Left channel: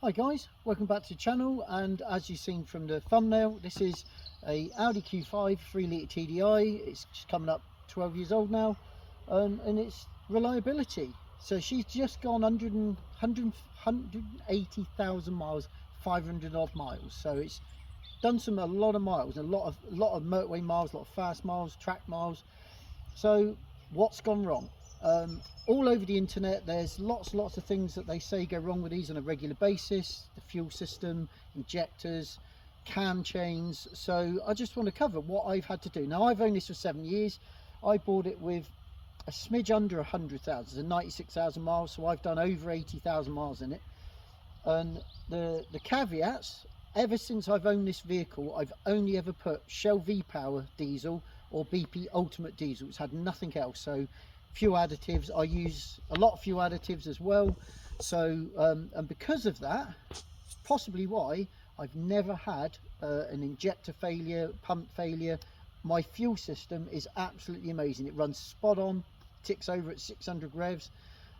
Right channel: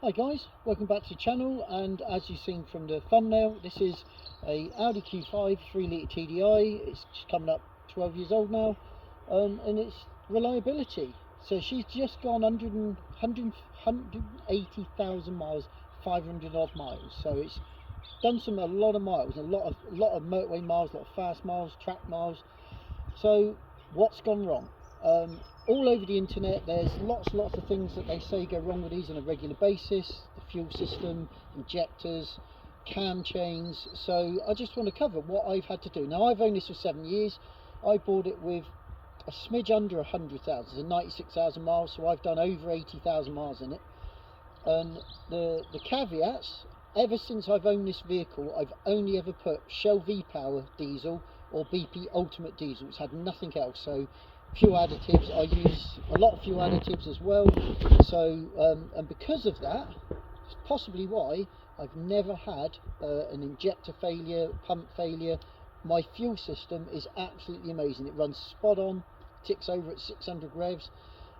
Hi guys, welcome back to the channel, and as you've seen from the thumbnail, this is a Audi Q5 3 litre TDI. It's just coming up 12 years old now, and it's reliability. So she's just gone 180,000 miles, 500 odd miles. So it's done a lot of miles, a lot of motorway miles, a lot of fast miles, track miles. So what's gone wrong? All over the internet there's lots of things that they say go wrong with these on a regular basis: the fuel system, injectors, cam chains. So I just want to cover what I've had to do. Now, I've owned this for 7 years. I bought it with a smidge under 100,000, so 96,000 miles, so I've done over 80,000 miles in it. And the caveats: ever since I've owned this vehicle, I've only ever put Shell V-Power diesel or BP Ultimate diesel. It's had nothing else. So fuel additives, I use a lot of fuel additives as well. So and because of that, it's possibly why I've never had an injector failure, pump failure. My fuel system is absolutely amazing. It runs spot on, ticks over at 600 revs.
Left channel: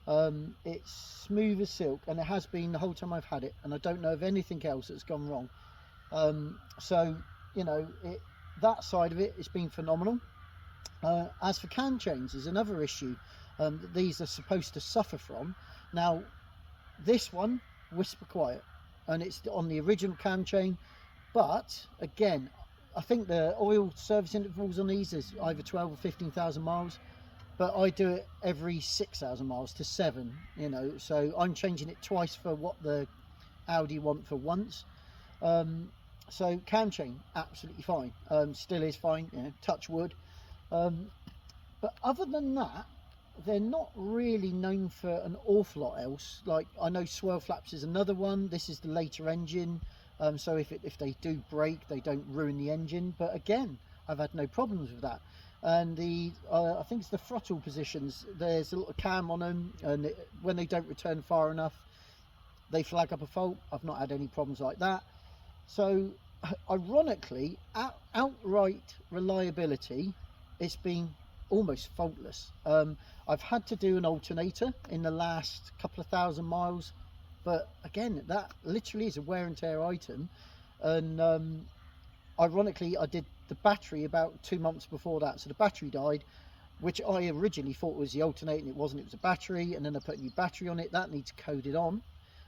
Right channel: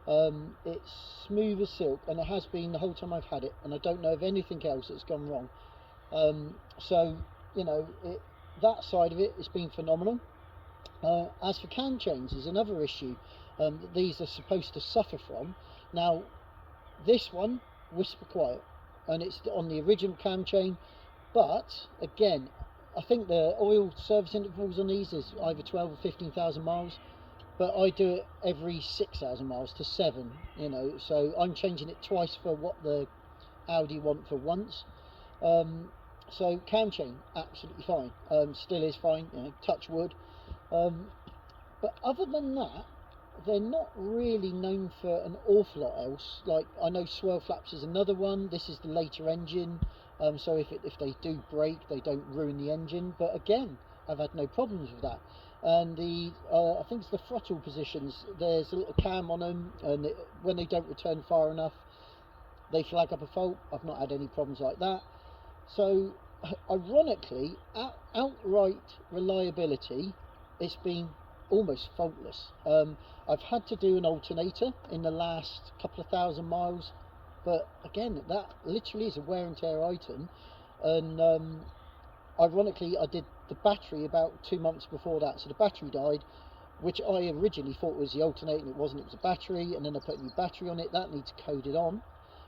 It's smooth as silk, and it has been the whole time I've had it, and I don't know of anything else that's gone wrong. So you know, that side of it has been phenomenal. As for cam chains is another issue that these are supposed to suffer from. Now, this one, whisper quiet, and it's on the original cam chain, but again, I think the oil service intervals on these is either 12 or 15,000 miles, but I do it every 6,000 miles to 7, you know, so I'm changing it twice for what the Audi want for once. So cam chain absolutely fine, still is fine, you know, touch wood. But other than that, they're not really known for an awful lot else. Like, I know swirl flaps is another one. This is the later engine, so if they do break, they don't ruin the engine. But again, I've had no problems with that. And the I think it's the throttle positions, there's a little cam on them, and when they don't return far enough, they flag up a fault. I've not had any problems like that. So ironically, outright reliability, it's been almost faultless. I've had to do an alternator in the last couple of thousand miles, but again, that literally is a wear and tear item. And ironically, I did the battery about 2 months before that, so the battery died, which I originally thought was the alternator, and it wasn't. It was a battery, and then I put a new battery on it. That needs coded on,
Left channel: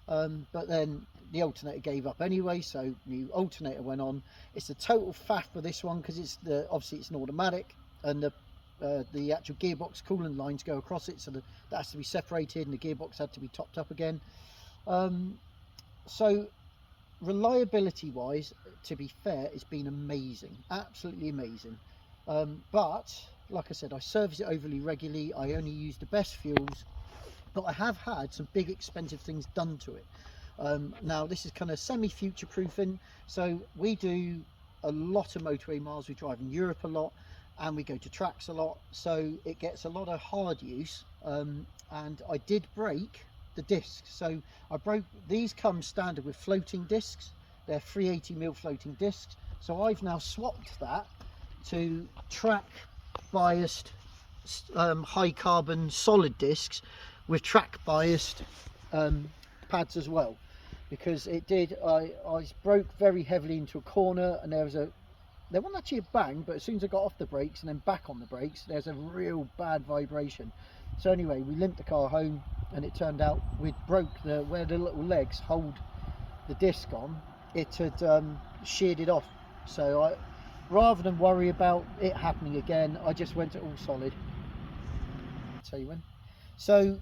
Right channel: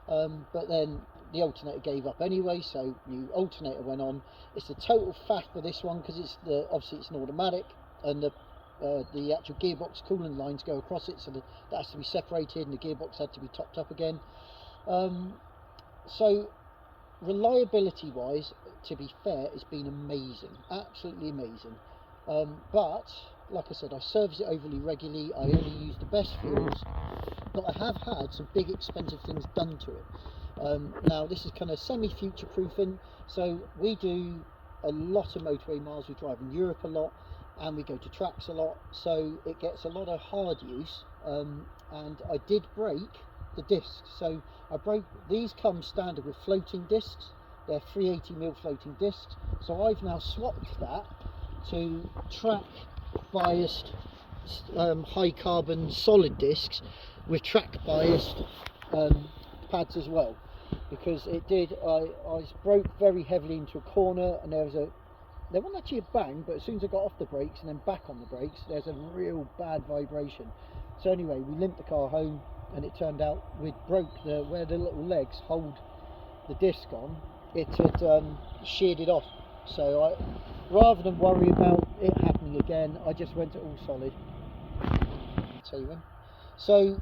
but then the alternator gave up anyway, so new alternator went on. It's a total faff for this one because it's obviously it's an automatic, and the actual gearbox coolant lines go across it, so that has to be separated, and the gearbox had to be topped up again. So reliability wise, to be fair, it's been amazing, absolutely amazing. But like I said, I service it overly regularly. I only use the best fuels, but I have had some big expensive things done to it. Now, this is kind of semi-future proofing. So we do a lot of motorway miles. We drive in Europe a lot, and we go to tracks a lot, so it gets a lot of hard use. And I did break the discs. So I broke these. Come standard with floating discs. They're 380mm floating discs. So I've now swapped that to track biased high carbon solid discs with track biased pads as well, because it did, I broke very heavily into a corner, and there wasn't actually a bang, but as soon as I got off the brakes and then back on the brakes, there's a real bad vibration. So anyway, we limped the car home, and it turned out we'd broke where the little legs hold the disc on, it had sheared it off. So rather than worry about it happening again, I just went to all solid. I'll tell you when. So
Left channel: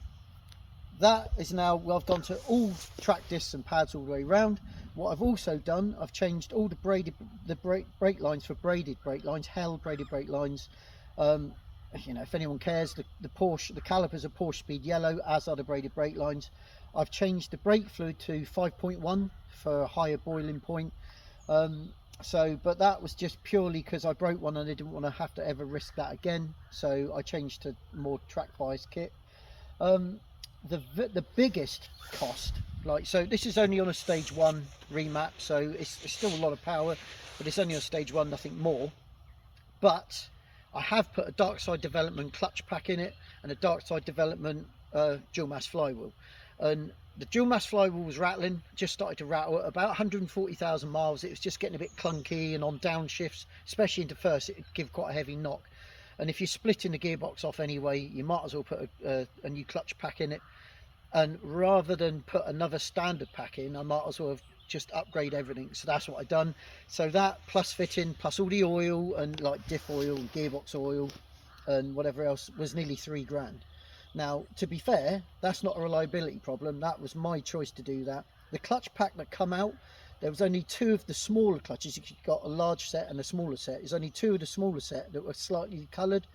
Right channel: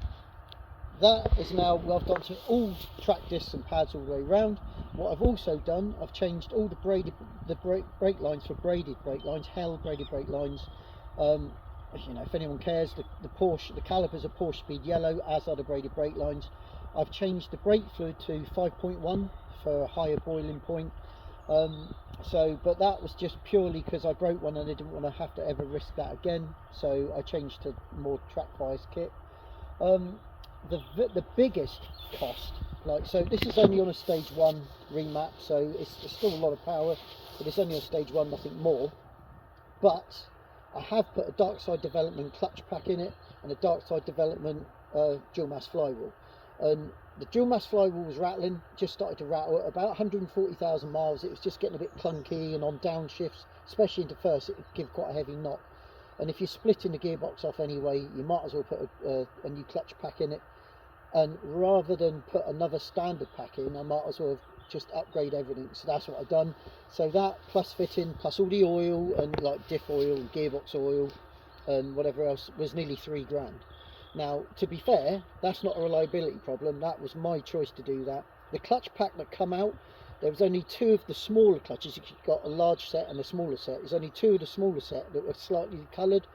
that is now, well, I've gone to all track discs and pads all the way around. What I've also done, I've changed all the brake lines for braided brake lines, hell braided brake lines. You know, if anyone cares, the Porsche, the calipers are Porsche Speed yellow, as are the braided brake lines. I've changed the brake fluid to 5.1 for a higher boiling point. But that was just purely because I broke one and I didn't want to have to ever risk that again. So I changed to more track bias kit. The biggest cost, like, so this is only on a stage 1 remap, so it's still a lot of power, but it's only on stage 1, nothing more. But I have put a dark side development clutch pack in it and a dark side development dual mass flywheel. and the dual mass flywheel was rattling, just started to rattle at about 140,000 miles. It was just getting a bit clunky, and on downshifts, especially into first, it would give quite a heavy knock. And if you're splitting the gearbox off anyway, you might as well put a new clutch pack in it. And rather than put another standard pack in, I might as well have just upgrade everything. So that's what I done. So that plus fitting, plus all the oil and like diff oil and gearbox oil and whatever else, was nearly £3 grand. Now, to be fair, that's not a reliability problem. That was my choice to do that. The clutch pack that come out, there was only 2 of the smaller clutches. You got a large set and a smaller set. There's only 2 of the smaller set that were slightly coloured.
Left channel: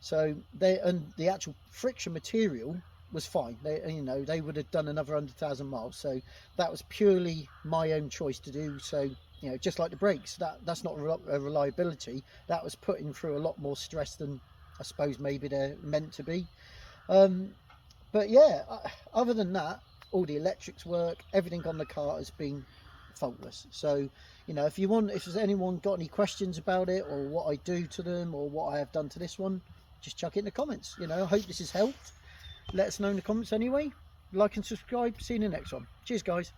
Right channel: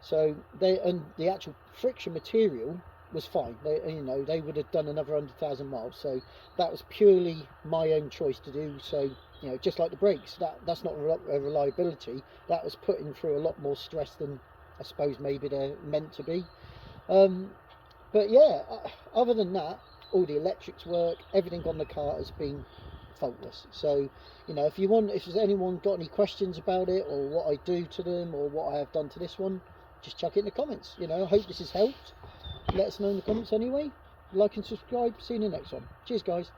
So and the actual friction material was fine. They would have done another 100,000 miles. So that was purely my own choice to do. So, just like the brakes, that's not a reliability. That was putting through a lot more stress than I suppose maybe they're meant to be. But yeah, other than that, all the electrics work, everything on the car has been faultless. So if there's anyone got any questions about it, or what I do to them, or what I have done to this one, just chuck it in the comments. I hope this has helped. Let us know in the comments anyway. Like and subscribe. See you in the next one. Cheers, guys.